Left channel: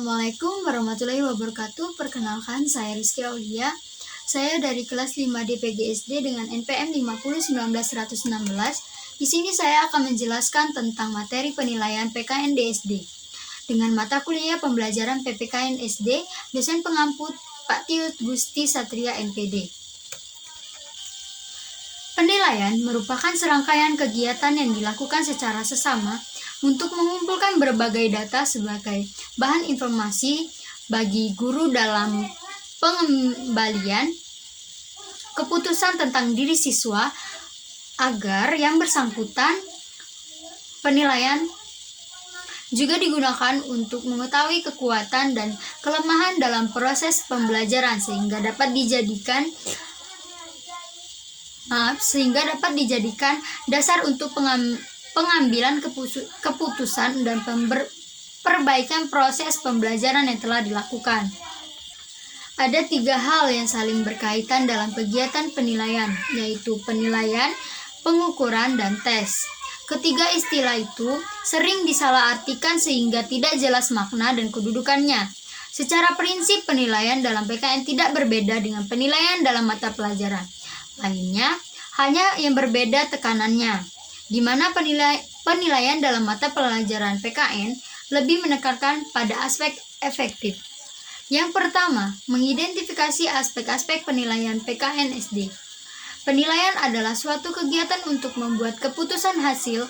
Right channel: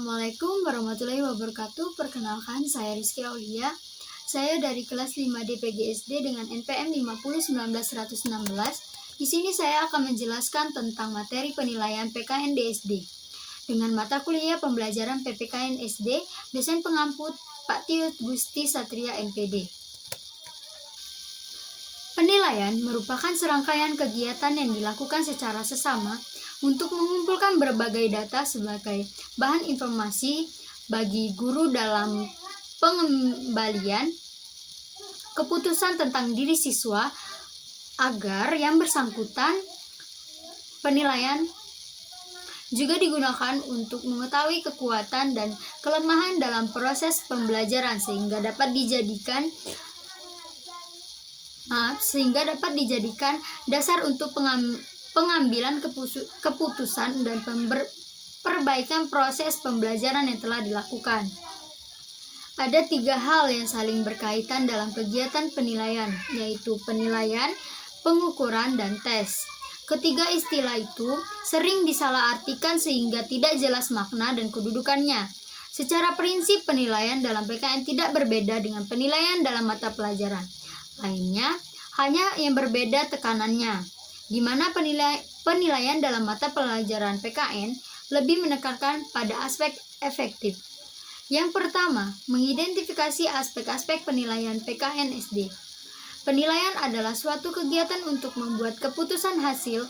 Assalamualaikum warahmatullahi wabarakatuh. Perkenalkan, saya Rizky Aulia. Saya dari kelas 5 DPGSD dengan NPM 5019116. Di sini saya akan menjelaskan tentang materi penilaian PKN DSD. Dengan mata kuliah pembelajaran PPKN SD, dosen pengamput Pak Tiut Gusti Satria MPD. Penilaian merupakan serangkaian kegiatan yang dilakukan secara sesama untuk mengumpulkan berbagai data sebagai bahan informasi bagi guru dalam pengembalian keputusan tentang diri siswa agar yang bersangkutan. Penilaian juga digunakan untuk mengetahui kekuatan dan kelemahan dalam proses pembelajaran sehingga dapat dijadikan dasar untuk pengambilan keputusan dan perbaikan proses pembelajaran yang telah dilakukan. Ada 3 hal yang saling berkaitan dalam kegiatan penilaian, yaitu penilaian, pengukuran, dan tes. Ketiga istilah itu sering disalahartikan sehingga tidak jelas makna dan kedudukannya. Secara prinsip, penilaian dalam PKN tidak berbeda dengan penilaian dalam mata pelajaran lainnya, hanya yang berbeda tekanannya, di mana penilaian dalam mata pelajaran PKN lebih menekankan pada aspek efektif. Yang pertama, mengidentifikasi aspek-aspek penilaian PKN SD. Penilaian adalah suatu kegiatan untuk membuat keputusan hasil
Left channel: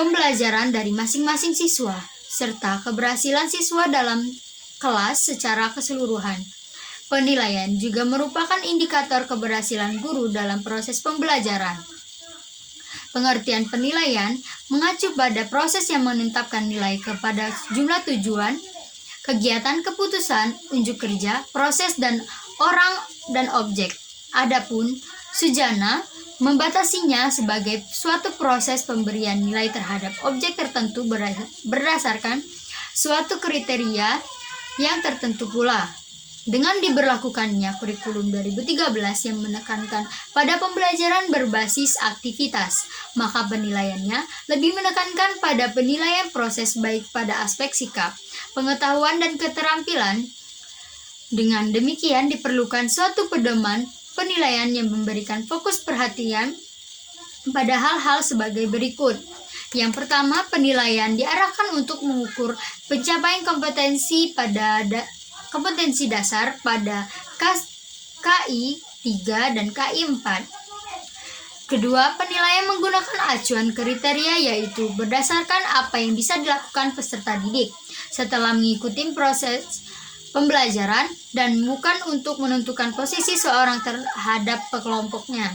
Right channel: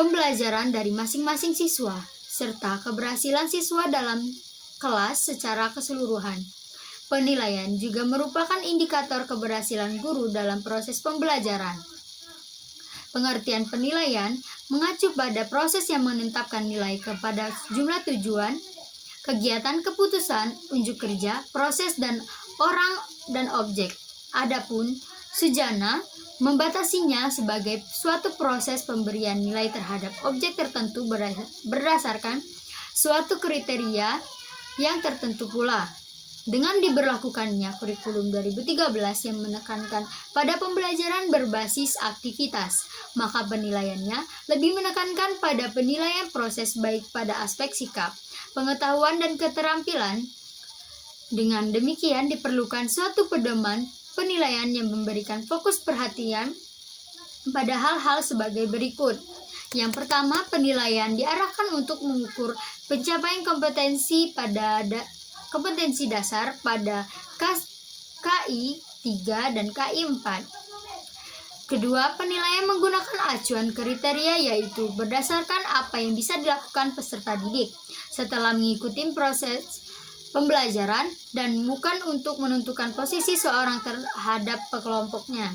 pembelajaran dari masing-masing siswa, serta keberhasilan siswa dalam kelas secara keseluruhan. Penilaian juga merupakan indikator keberhasilan guru dalam proses pembelajaran. Pengertian penilaian mengacu pada proses yang menetapkan nilai kepada jumlah tujuan, kegiatan keputusan, unjuk kerja, proses dan orang dan objek. Adapun Sujana membatasinya sebagai suatu proses pemberian nilai terhadap objek tertentu berdasarkan suatu kriteria yang tertentu pula. Dengan diberlakukannya kurikulum 2013 yang menekankan pada pembelajaran berbasis aktivitas, maka penilaiannya lebih menekankan pada penilaian proses baik pada aspek sikap, pengetahuan, dan keterampilan. Dengan demikian diperlukan suatu pedoman penilaian yang memberikan fokus perhatian pada hal-hal sebagai berikut. Yang pertama, penilaian diarahkan untuk mengukur pencapaian kompetensi dasar pada KI 3 dan KI 4. Kedua, penilaian menggunakan acuan kriteria, yaitu berdasarkan apa yang bisa dilakukan peserta didik setelah mengikuti proses pembelajaran dan bukan untuk menentukan posisi seorang terhadap kelompoknya.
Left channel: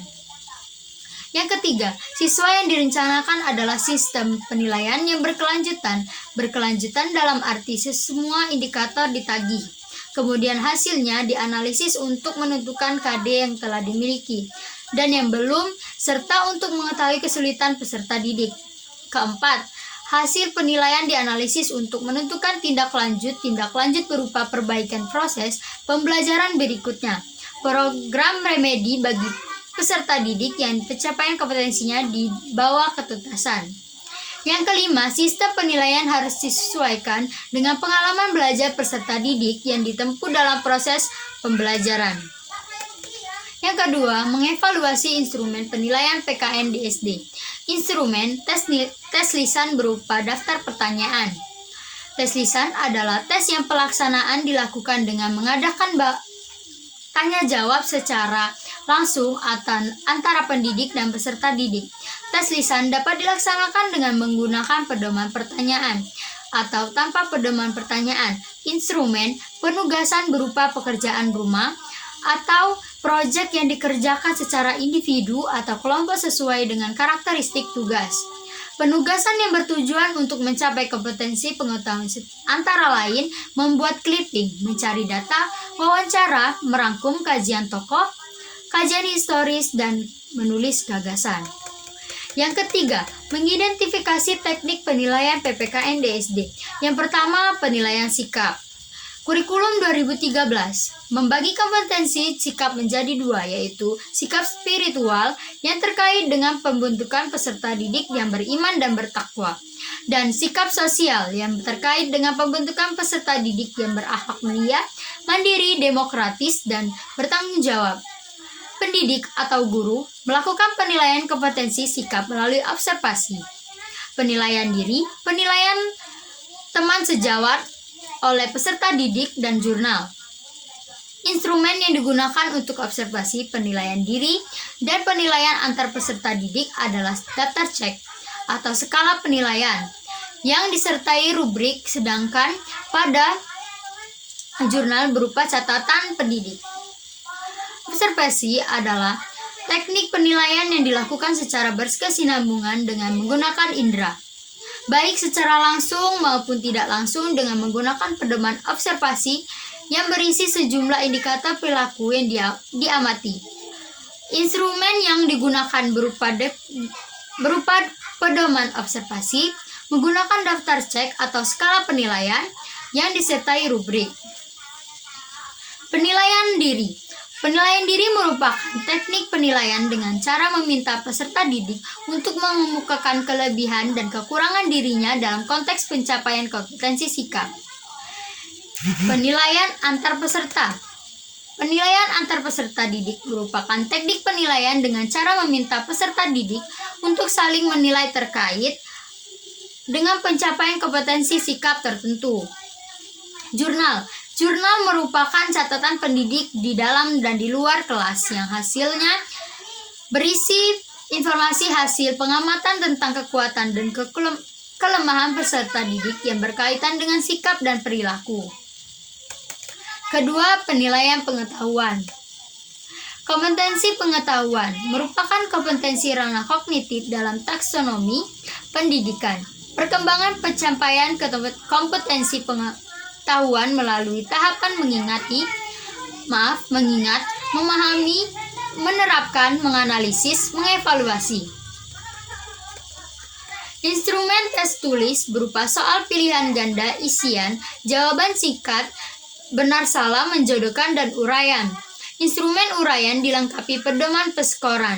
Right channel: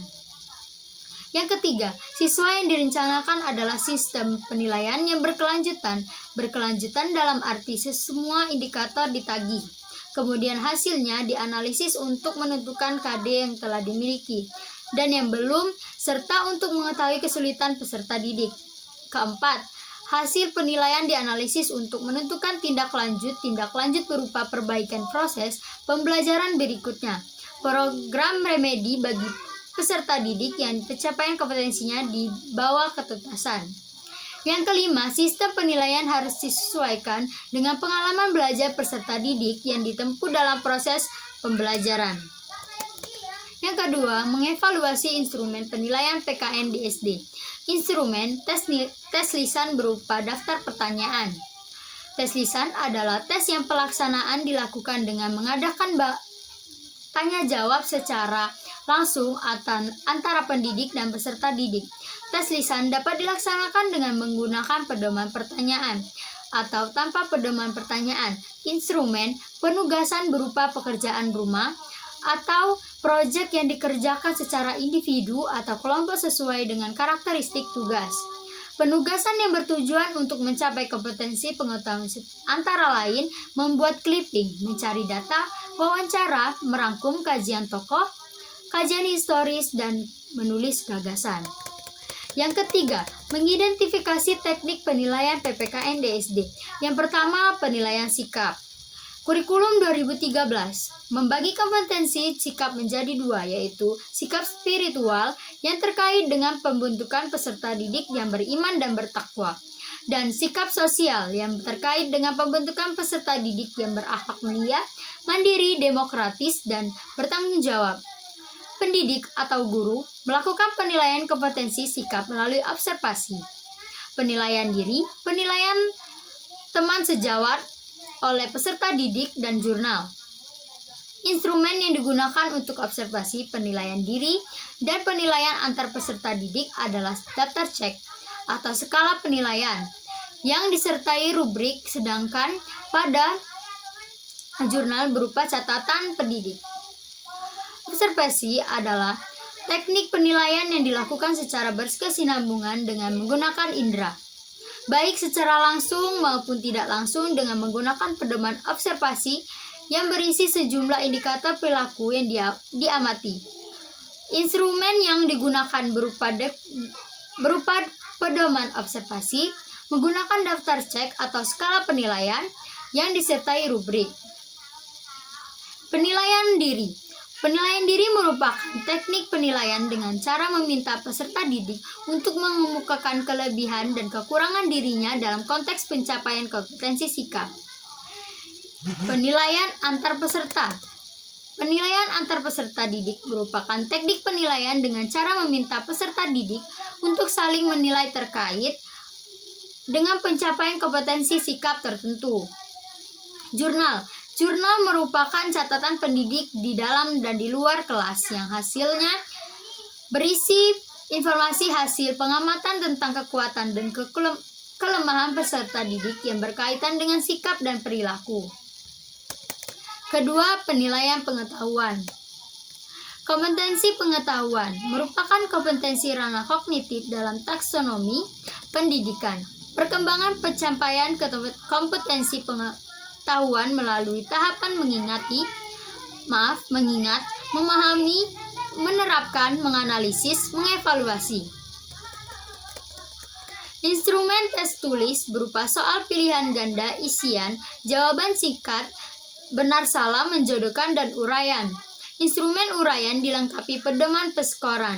Yang ketiga, siswa yang direncanakan adalah sistem penilaian yang berkelanjutan dalam arti semua indikator ditagih. Kemudian hasilnya dianalisis untuk menentukan KD yang telah dimiliki dan yang belum, serta untuk mengetahui kesulitan peserta didik. Keempat, hasil penilaian dianalisis untuk menentukan tindak lanjut berupa perbaikan proses pembelajaran berikutnya. Program remedi bagi peserta didik yang pencapaian kompetensinya di bawah ketuntasan. Yang kelima, sistem penilaian harus disesuaikan dengan pengalaman belajar peserta didik yang ditempuh dalam proses pembelajaran. Yang kedua, mengevaluasi instrumen penilaian PKN di SD. Instrumen tes lisan berupa daftar pertanyaan. Tes lisan adalah tes yang pelaksanaan dilakukan dengan mengadakan tanya jawab secara langsung antara pendidik dan peserta didik. Tes lisan dapat dilaksanakan dengan menggunakan pedoman pertanyaan atau tanpa pedoman pertanyaan. Instrumen penugasan berupa pekerjaan rumah atau proyek yang dikerjakan secara individu atau kelompok sesuai dengan karakteristik tugas. Penugasan yang bertujuan untuk mencapai kompetensi pengetahuan antara lain membuat clipping, mencari data, wawancara, merangkum kajian tokoh, kajian historis, dan menulis gagasan. Yang ketiga, mengidentifikasi teknik penilaian PPKN DSD. Yang pertama, penilaian sikap. Kurikulum 2013 membagi kompetensi sikap menjadi 2, yaitu sikap spiritual yang terkait dengan pembentukan peserta didik yang beriman dan bertakwa, dan sikap sosial yang terkait dengan pembentukan peserta didik yang berakhlak mulia, mandiri, demokratis, dan bertanggung jawab. Pendidik atau guru melakukan penilaian kompetensi sikap melalui observasi, penilaian diri, penilaian teman sejawat oleh peserta didik, dan jurnal. Instrumen yang digunakan untuk observasi, penilaian diri, dan penilaian antar peserta didik adalah daftar cek atau skala penilaian yang disertai rubrik, sedangkan pada jurnal berupa catatan pendidik. Observasi adalah teknik penilaian yang dilakukan secara berkesinambungan dengan menggunakan indera, baik secara langsung maupun tidak langsung dengan menggunakan pedoman observasi yang berisi sejumlah indikator perilaku yang diamati. Instrumen yang digunakan berupa pedoman observasi, menggunakan daftar cek atau skala penilaian yang disertai rubrik. Penilaian diri. Penilaian diri merupakan teknik penilaian dengan cara meminta peserta didik untuk mengemukakan kelebihan dan kekurangan dirinya dalam konteks pencapaian kompetensi sikap. Penilaian antar peserta. Penilaian antar peserta didik merupakan teknik penilaian dengan cara meminta peserta didik untuk saling menilai terkait dengan pencapaian kompetensi sikap tertentu. Jurnal. Jurnal merupakan catatan pendidik di dalam dan di luar kelas yang hasilnya berisi informasi hasil pengamatan tentang kekuatan dan kelemahan peserta didik yang berkaitan dengan sikap dan perilaku. Kedua, penilaian pengetahuan. Kompetensi pengetahuan merupakan kompetensi ranah kognitif dalam taksonomi pendidikan. Perkembangan pencapaian kompetensi pengetahuan melalui tahapan mengingat, memahami, menerapkan, menganalisis, mengevaluasi. Instrumen tes tulis berupa soal pilihan ganda isian, jawaban singkat, benar salah, menjodohkan, dan uraian. Instrumen uraian dilengkapi pedoman peskoran.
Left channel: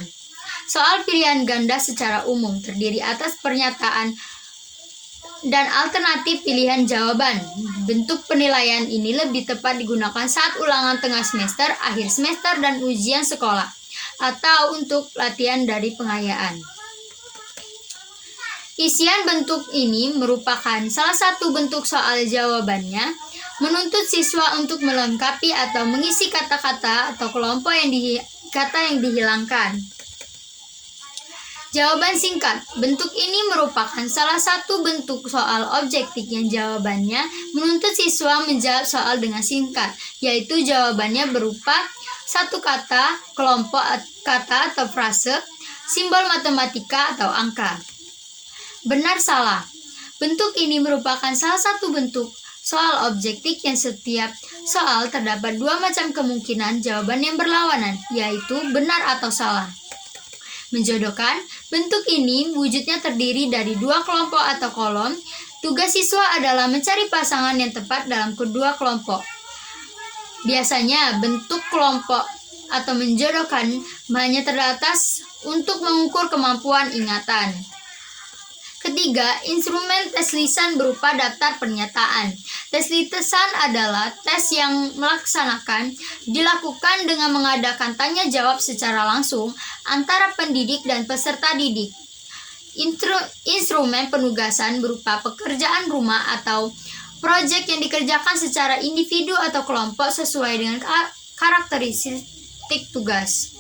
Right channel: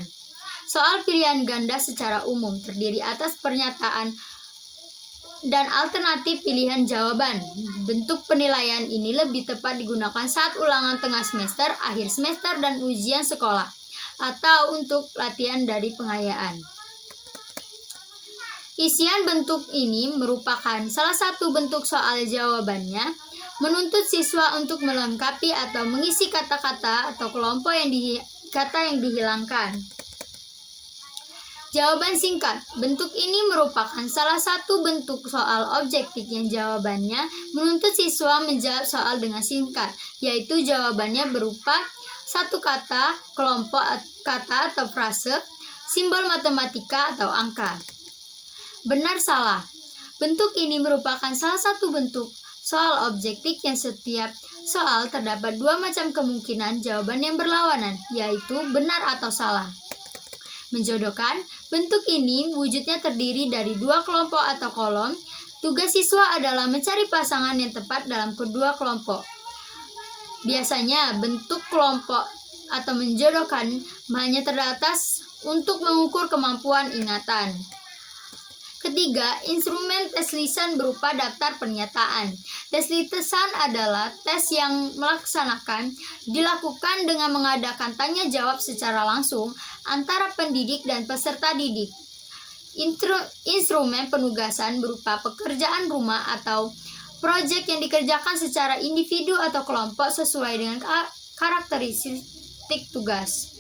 Soal pilihan ganda secara umum terdiri atas pernyataan dan alternatif pilihan jawaban. Bentuk penilaian ini lebih tepat digunakan saat ulangan tengah semester, akhir semester, dan ujian sekolah, atau untuk latihan dari pengayaan. Isian bentuk ini merupakan salah satu bentuk soal jawabannya, menuntut siswa untuk melengkapi atau mengisi kata-kata atau kelompok yang dihilangkan. Jawaban singkat. Bentuk ini merupakan salah satu bentuk soal objektif yang jawabannya menuntut siswa menjawab soal dengan singkat, yaitu jawabannya berupa satu kata, kelompok kata atau frase, simbol matematika atau angka. Benar salah. Bentuk ini merupakan salah satu bentuk soal objektif yang setiap soal terdapat dua macam kemungkinan jawaban yang berlawanan, yaitu benar atau salah. Menjodohkan. Bentuk ini wujudnya terdiri dari dua kelompok atau kolom. Tugas siswa adalah mencari pasangan yang tepat dalam kedua kelompok. Biasanya bentuk kelompok atau menjodohkan hanya terbatas untuk mengukur kemampuan ingatan. Ketiga, instrumen tes lisan berupa daftar pernyataan. Tes lisan adalah tes yang dilakukan dengan mengadakan tanya jawab secara langsung antara pendidik dan peserta didik. Instrumen penugasan berupa pekerjaan rumah atau proyek yang dikerjakan secara individu atau kelompok sesuai dengan karakteristik tugas.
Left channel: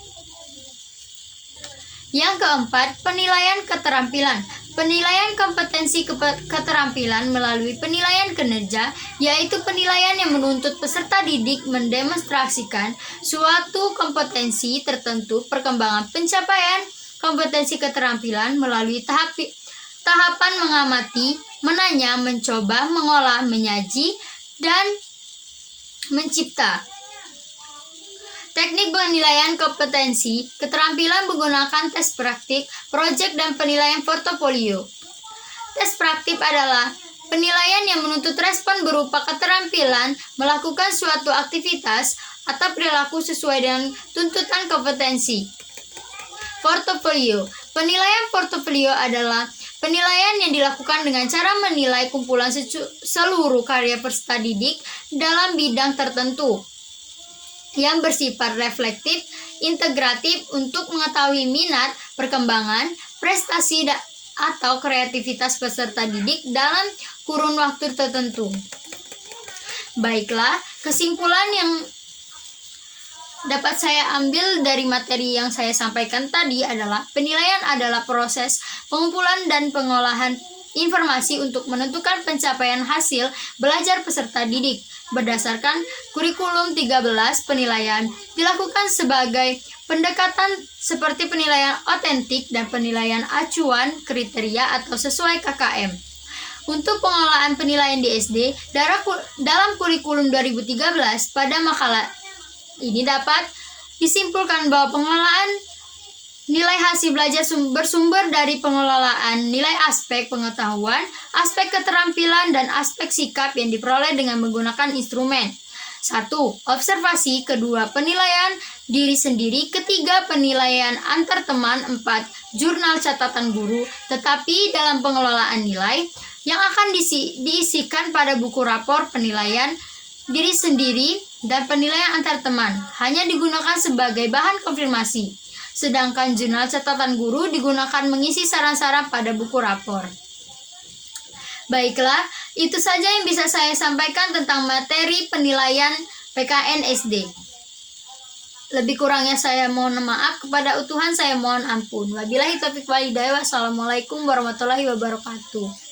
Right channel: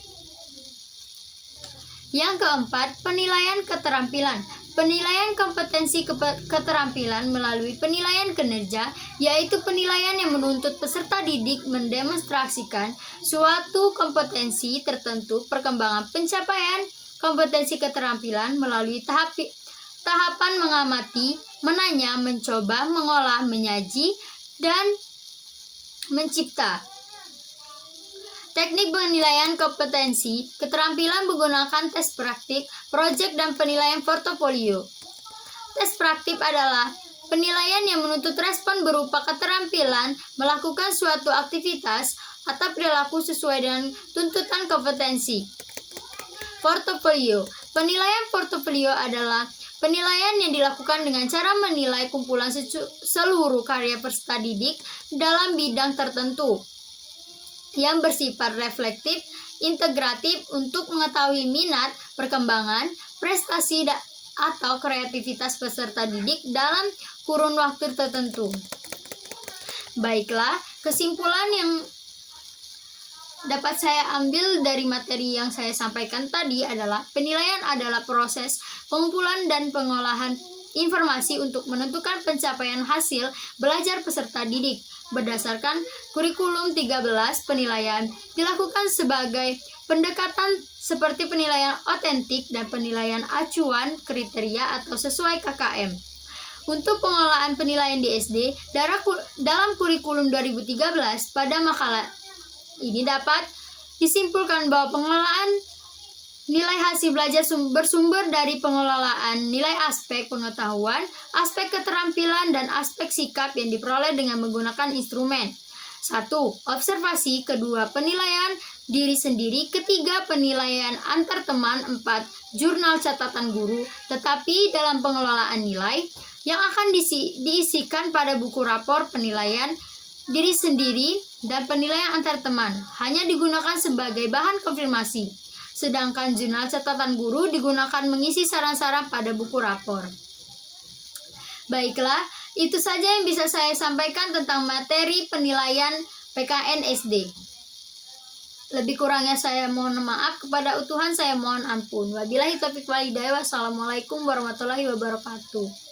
Yang keempat, penilaian keterampilan. Penilaian kompetensi keterampilan melalui penilaian kinerja, yaitu penilaian yang menuntut peserta didik mendemonstrasikan suatu kompetensi tertentu. Perkembangan pencapaian kompetensi keterampilan melalui tahapan mengamati, menanya, mencoba, mengolah, menyaji, dan mencipta. Teknik penilaian kompetensi keterampilan menggunakan tes praktik, proyek, dan penilaian portofolio. Tes praktik adalah penilaian yang menuntut respon berupa keterampilan melakukan suatu aktivitas atau perilaku sesuai dengan tuntutan kompetensi. Portofolio. Penilaian portofolio adalah Penilaian yang dilakukan dengan cara menilai kumpulan seluruh karya peserta didik dalam bidang tertentu yang bersifat reflektif, integratif untuk mengetahui minat, perkembangan, prestasi, atau kreativitas peserta didik dalam kurun waktu tertentu. Baiklah, kesimpulan yang dapat saya ambil dari materi yang saya sampaikan tadi adalah penilaian adalah proses pengumpulan dan pengolahan informasi untuk menentukan pencapaian hasil belajar peserta didik. Berdasarkan kurikulum 13, penilaian dilakukan sebagai pendekatan seperti penilaian otentik dan penilaian acuan kriteria atau sesuai KKM. Untuk pengolahan penilaian di SD, dalam kurikulum 2013 pada makalah ini dapat disimpulkan bahwa pengolahan nilai hasil belajar bersumber dari pengelolaan nilai aspek pengetahuan, aspek keterampilan, dan aspek sikap yang diperoleh dengan menggunakan instrumen. 1. Observasi. 2. Penilaian diri sendiri. 3. Penilaian antar teman. 4. Jurnal catatan guru. Tetapi dalam pengelolaan nilai yang akan diisikan pada buku rapor penilaian diri sendiri dan penilaian antar teman hanya digunakan sebagai bahan konfirmasi, sedangkan jurnal catatan guru digunakan mengisi saran-saran pada buku rapor. Baiklah, itu saja yang bisa saya sampaikan tentang materi penilaian PKN SD. Lebih kurangnya saya mohon maaf, kepada Tuhan saya mohon ampun. Wabillahi taufiq wal hidayah. Wassalamualaikum warahmatullahi wabarakatuh.